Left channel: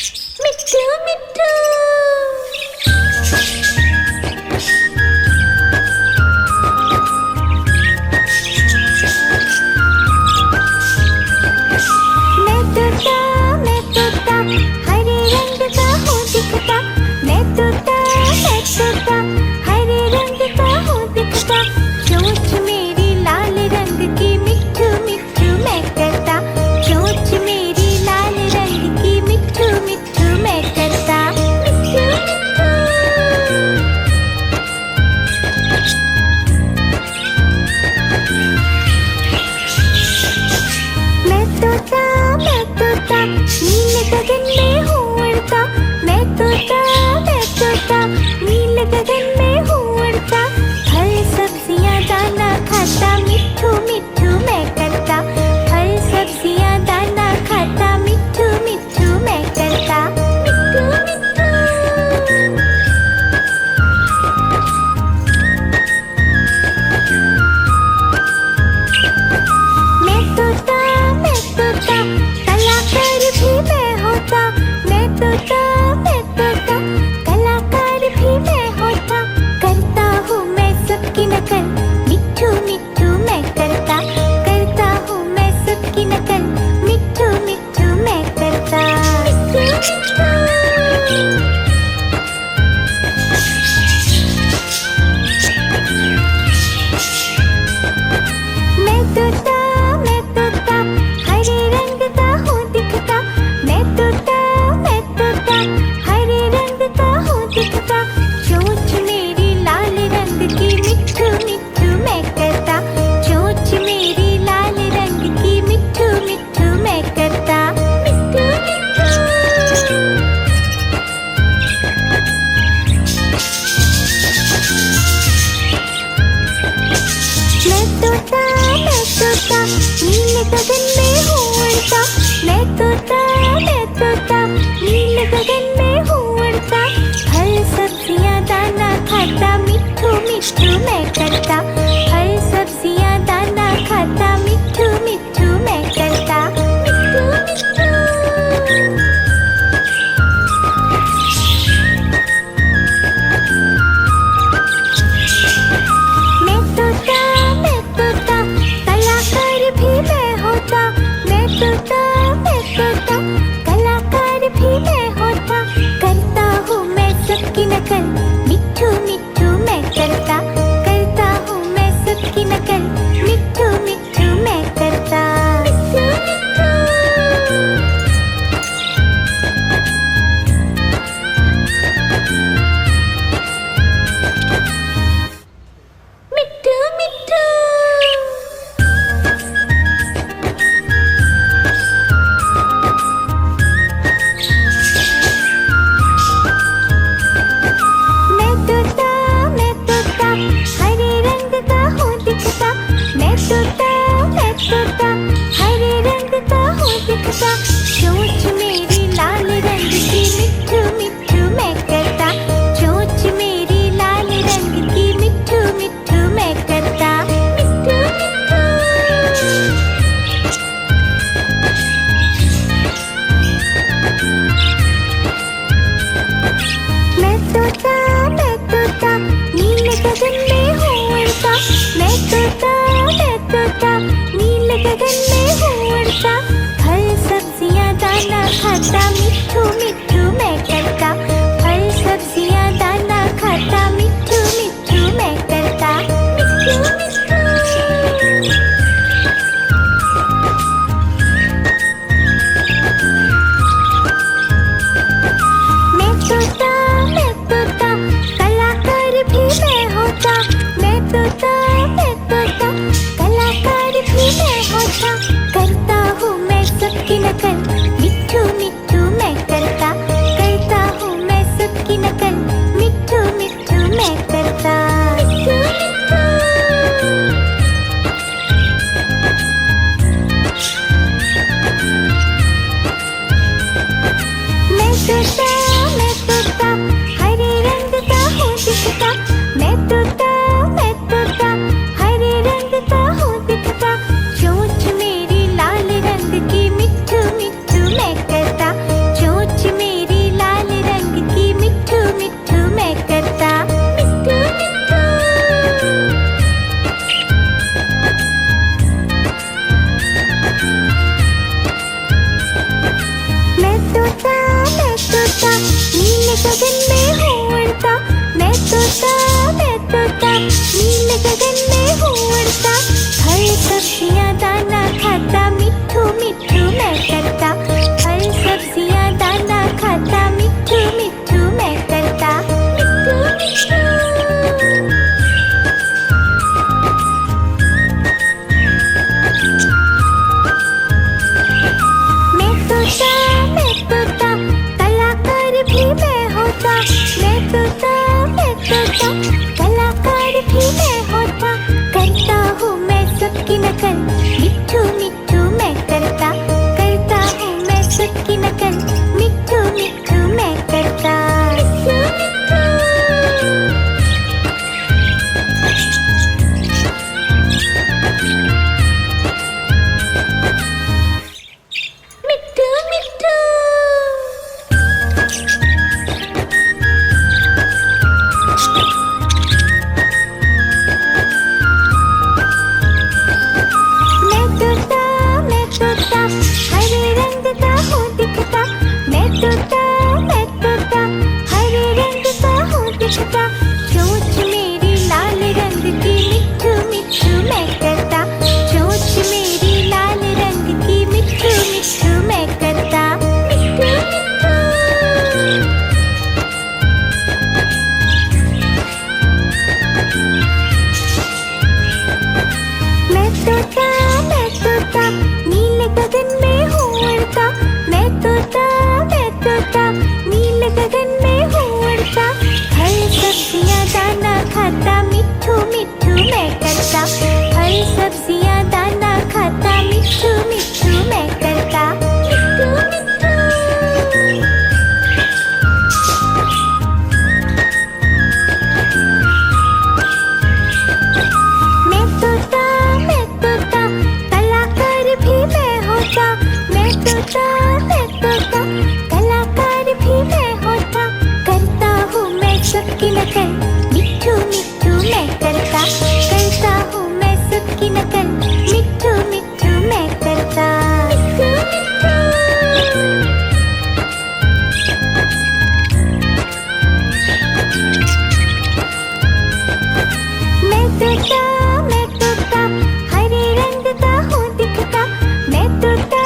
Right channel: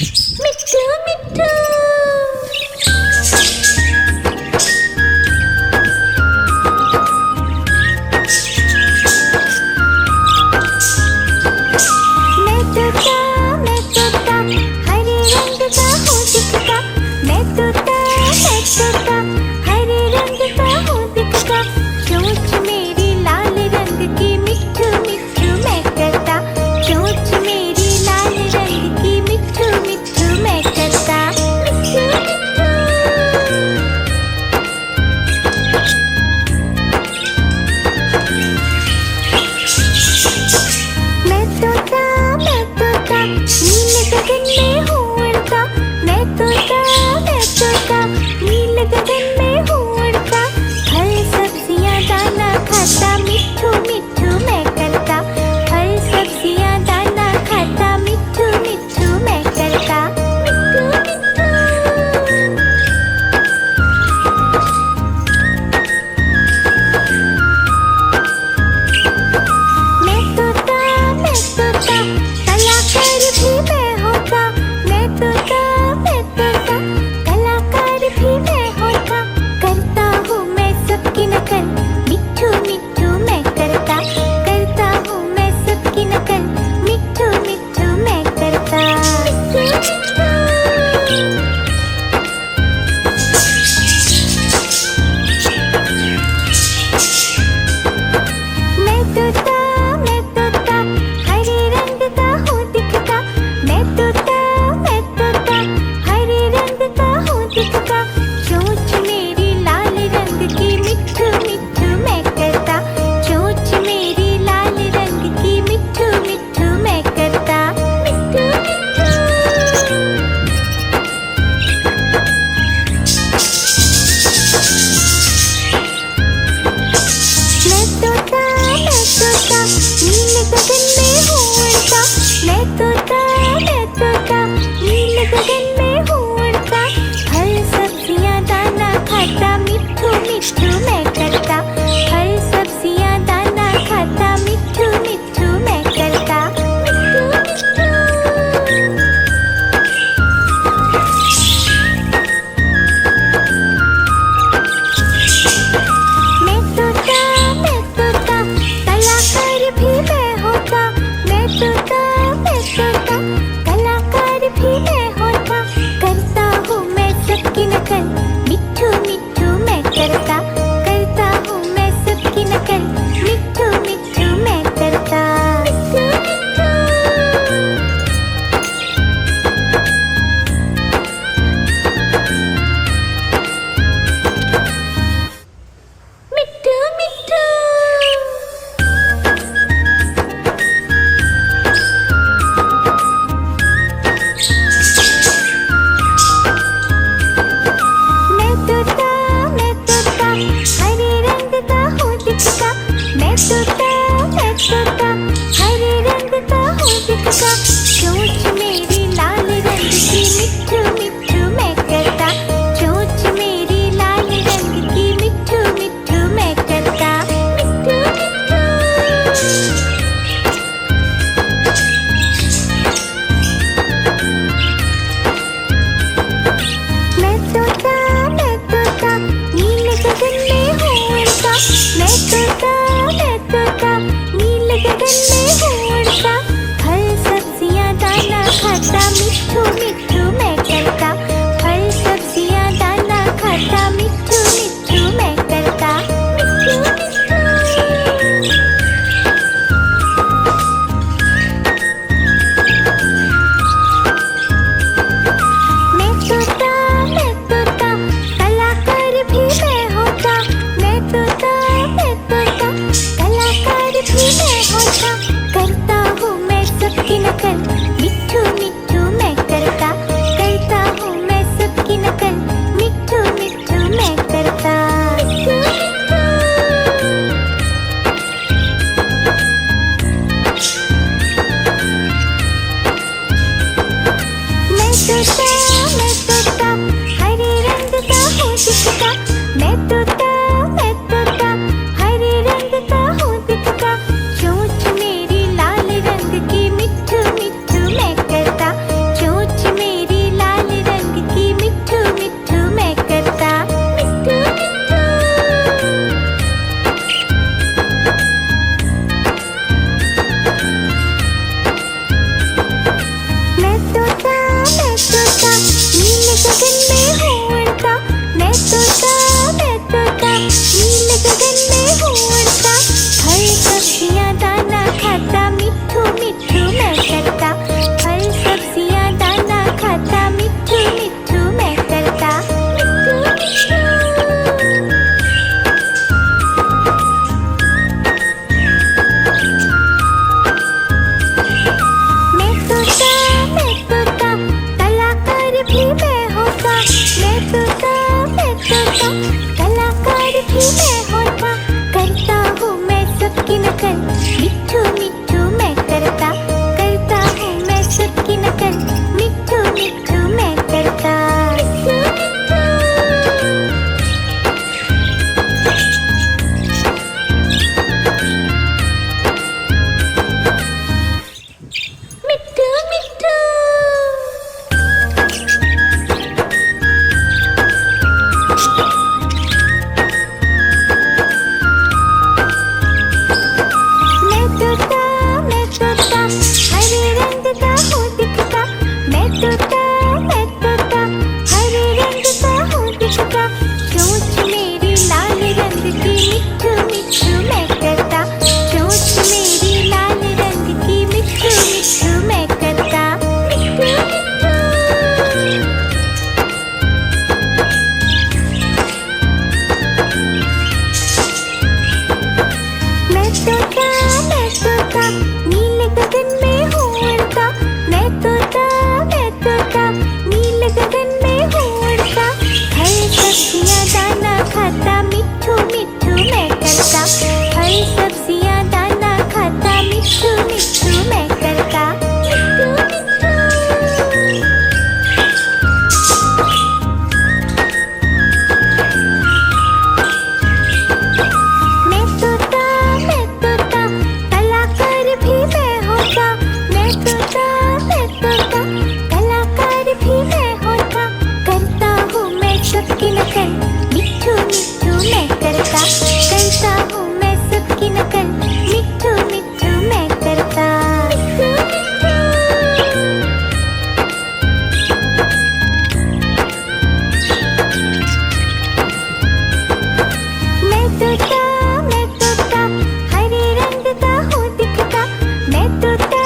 मिट्ठू मिट्ठू मैं तोता हरे रंग का हूँ दिखता। मैं तोता हरे रंग का हूँ दिखता। चोंच मेरी लाल रंग की मिट्ठू मिट्ठू मैं करता। चोंच मेरी लाल रंग की मिट्ठू मिट्ठू मैं करता। मिट्ठू मिट्ठू मैं तोता नीले गगन में हूँ उड़ता। मैं तोता नीले गगन में हूँ उड़ता। फल सब्जियाँ दाना खाता मिट्ठू मिट्ठू मैं करता। फल सब्जियाँ दाना खाता मिट्ठू मिट्ठू मैं करता। मिट्ठू मिट्ठू मैं तोता कलाकार भी मैं होता। मैं तोता कलाकार भी मैं होता। करता हूँ मैं सबकी नकल मिट्ठू मिट्ठू मैं करता। करता हूँ मैं सबकी नकल मिट्ठू मिट्ठू मैं करता। मैं तोता हरे रंग का हूँ दिखता। मैं तोता हरे रंग का हूँ दिखता। चोंच मेरी लाल रंग की मिट्ठू मिट्ठू मैं करता। चोंच मेरी लाल रंग की मिट्ठू मिट्ठू मैं करता। मिट्ठू मिट्ठू मैं तोता नीले गगन में हूँ उड़ता। मैं तोता नीले गगन में हूँ उड़ता। फल सब्जियाँ दाना खाता मिट्ठू मिट्ठू मैं करता। फल सब्जियाँ दाना खाता मिट्ठू मिट्ठू मैं करता। मिट्ठू मिट्ठू मैं तोता कलाकार भी मैं होता। मैं तोता कलाकार भी मैं होता। करता हूँ मैं सबकी नकल मिट्ठू मिट्ठू मैं करता। करता हूँ मैं सबकी नकल मिट्ठू मिट्ठू मैं करता। मिट्ठू मिट्ठू मिट्ठू मिट्ठू मैं तोता हरे रंग का हूँ दिखता। मैं तोता हरे रंग का हूँ दिखता। चोंच मेरी लाल रंग की मिट्ठू मिट्ठू मैं करता। चोंच मेरी लाल रंग की मिट्ठू मिट्ठू मैं करता। मिट्ठू मिट्ठू मैं तोता नीले गगन में हूँ उड़ता। मैं तोता नीले गगन में हूँ उड़ता। फल सब्जियाँ दाना खाता मिट्ठू मिट्ठू मैं करता। फल सब्जियाँ दाना खाता मिट्ठू मिट्ठू मैं करता। मिट्ठू मिट्ठू मैं तोता कलाकार भी मैं होता। मैं तोता कलाकार भी मैं होता। करता हूँ मैं सबकी नकल मिट्ठू मिट्ठू मैं करता। करता हूँ मैं सबकी नकल मिट्ठू मिट्ठू मैं करता। मिट्ठू मिट्ठू मैं तोता हरे रंग का हूँ दिखता। मैं तोता हरे रंग का हूँ दिखता। चोंच मेरी लाल रंग की मिट्ठू मिट्ठू मैं करता। चोंच मेरी तोता नीले गगन में हूँ उड़ता। मैं तोता नीले गगन में हूँ उड़ता। फल सब्जियाँ दाना खाता, मिट्ठू मिट्ठू मैं करता। फल सब्जियाँ दाना खाता, मिट्ठू मिट्ठू मैं करता। मिट्ठू मिट्ठू। मैं तोता कलाकार भी मैं होता। मैं तोता कलाकार भी मैं होता। करता हूँ मैं सबकी नकल, मिट्ठू मिट्ठू मैं करता। करता हूँ मैं सबकी नकल, मिट्ठू मिट्ठू मैं करता। मिट्ठू मिट्ठू। मैं तोता हरे रंग का हूँ दिखता। मैं तोता हरे रंग का हूँ दिखता। चोंच मेरी लाल रंग की, मिट्ठू मिट्ठू मैं करता। चोंच मेरी लाल रंग की, मिट्ठू मिट्ठू मैं करता। मिट्ठू मिट्ठू। मैं तोता नीले गगन में हूँ उड़ता। मैं तोता नीले गगन में हूँ उड़ता। फल सब्जियाँ दाना खाता, मिट्ठू मिट्ठू मैं करता। फल सब्जियाँ दाना खाता, मिट्ठू मिट्ठू मैं करता। मिट्ठू मिट्ठू। मैं तोता कलाकार भी मैं होता। मैं तोता कलाकार भी मैं होता। करता हूँ मैं सबकी नकल, मिट्ठू मिट्ठू मैं करता। करता हूँ मैं सबकी नकल, मिट्ठू मिट्ठू मैं करता। मिट्ठू मिट्ठू। मैं तोता हरे रंग का हूँ दिखता। मैं तोता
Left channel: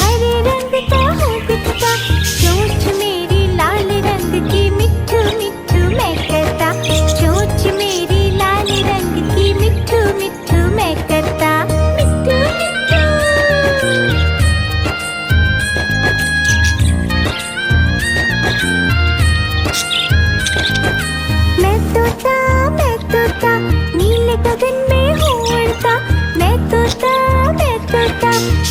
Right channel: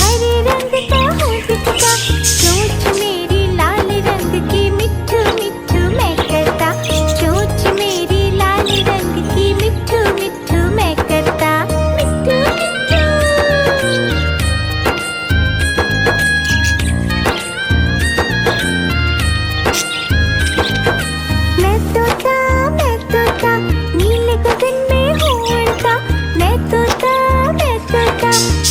हरे रंग का हूँ दिखता। चोंच मेरी लाल रंग की, मिट्ठू मिट्ठू मैं करता। चोंच मेरी लाल रंग की, मिट्ठू मिट्ठू मैं करता। मिट्ठू मिट्ठू। मैं तोता नीले गगन में हूँ उड़ता। मैं तोता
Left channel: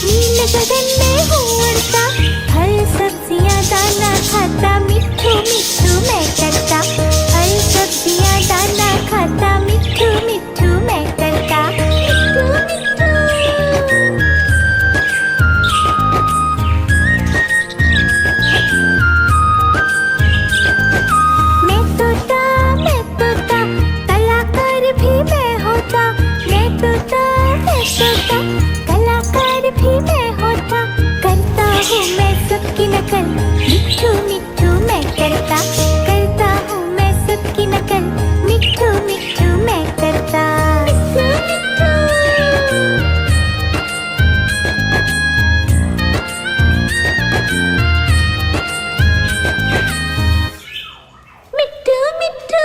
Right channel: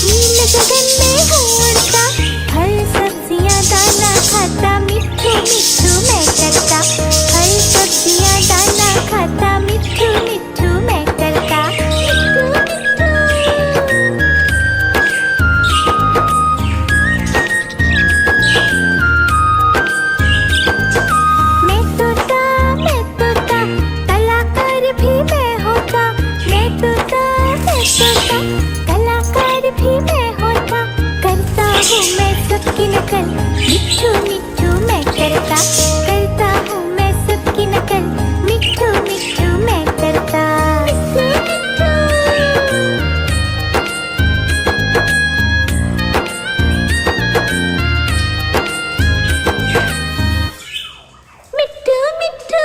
नीले गगन में हूँ उड़ता। फल सब्जियाँ दाना खाता, मिट्ठू मिट्ठू मैं करता। फल सब्जियाँ दाना खाता, मिट्ठू मिट्ठू मैं करता। मिट्ठू मिट्ठू। मैं तोता कलाकार भी मैं होता। मैं तोता कलाकार भी मैं होता। करता हूँ मैं सबकी नकल, मिट्ठू मिट्ठू मैं करता। करता हूँ मैं सबकी नकल, मिट्ठू मिट्ठू मैं करता। मिट्ठू मिट्ठू। मिट्ठू मिट्ठू।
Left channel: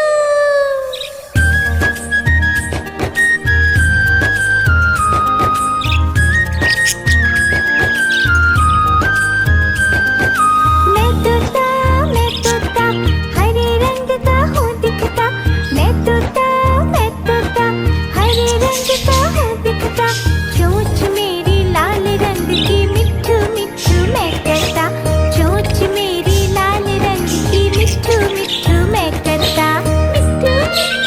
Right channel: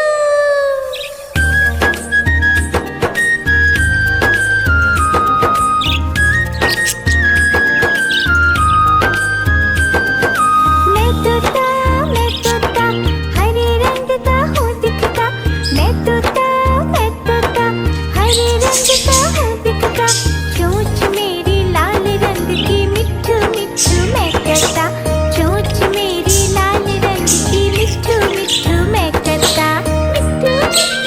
मैं तोता हरे रंग का हूँ दिखता। मैं तोता हरे रंग का हूँ दिखता। चोंच मेरी लाल रंग की, मिट्ठू मिट्ठू मैं करता। चोंच मेरी लाल रंग की, मिट्ठू मिट्ठू मैं करता। मिट्ठू मिट्ठू।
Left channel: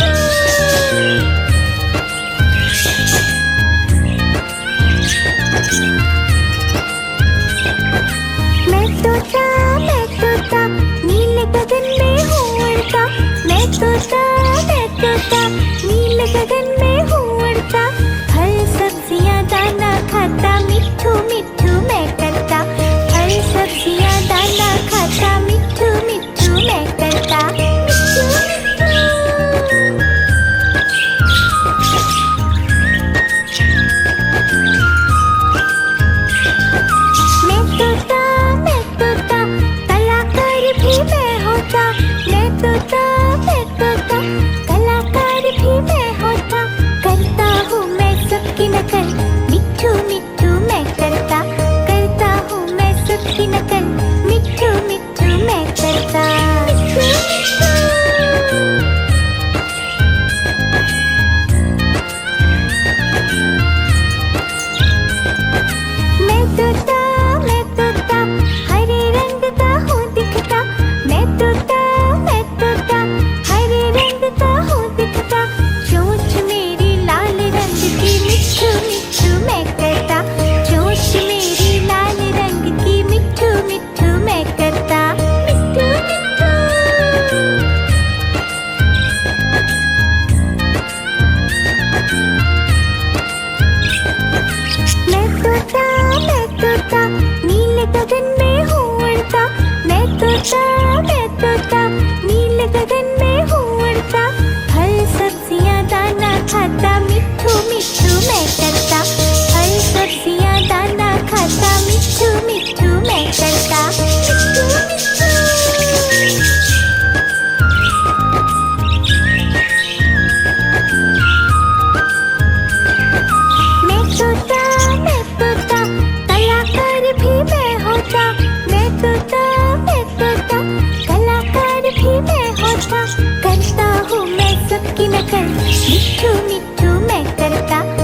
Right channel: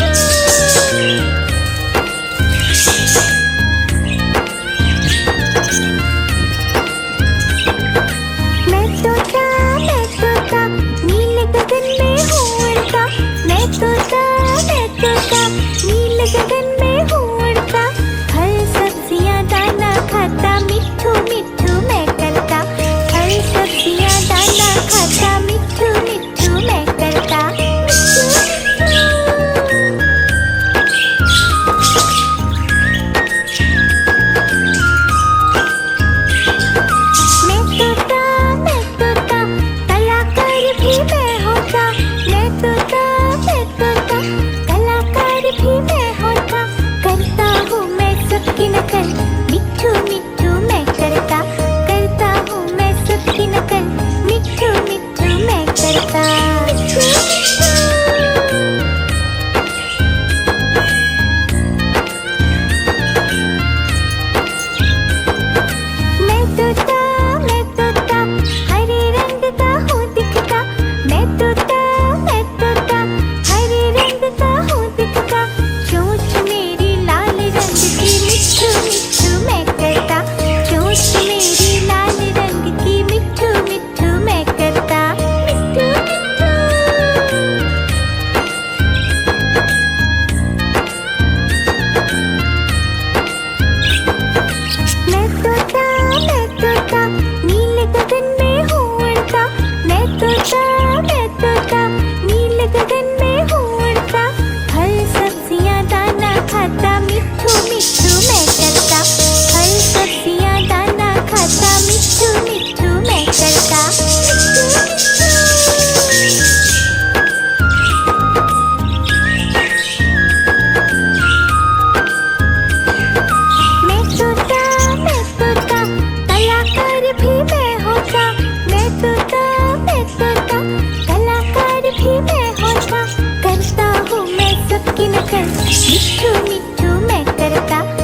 मैं तोता नीले गगन में हूँ उड़ता। मैं तोता नीले गगन में हूँ उड़ता। फल सब्जियाँ दाना खाता, मिट्ठू मिट्ठू मैं करता। फल चल मिट्ठू मिट्ठू मैं करता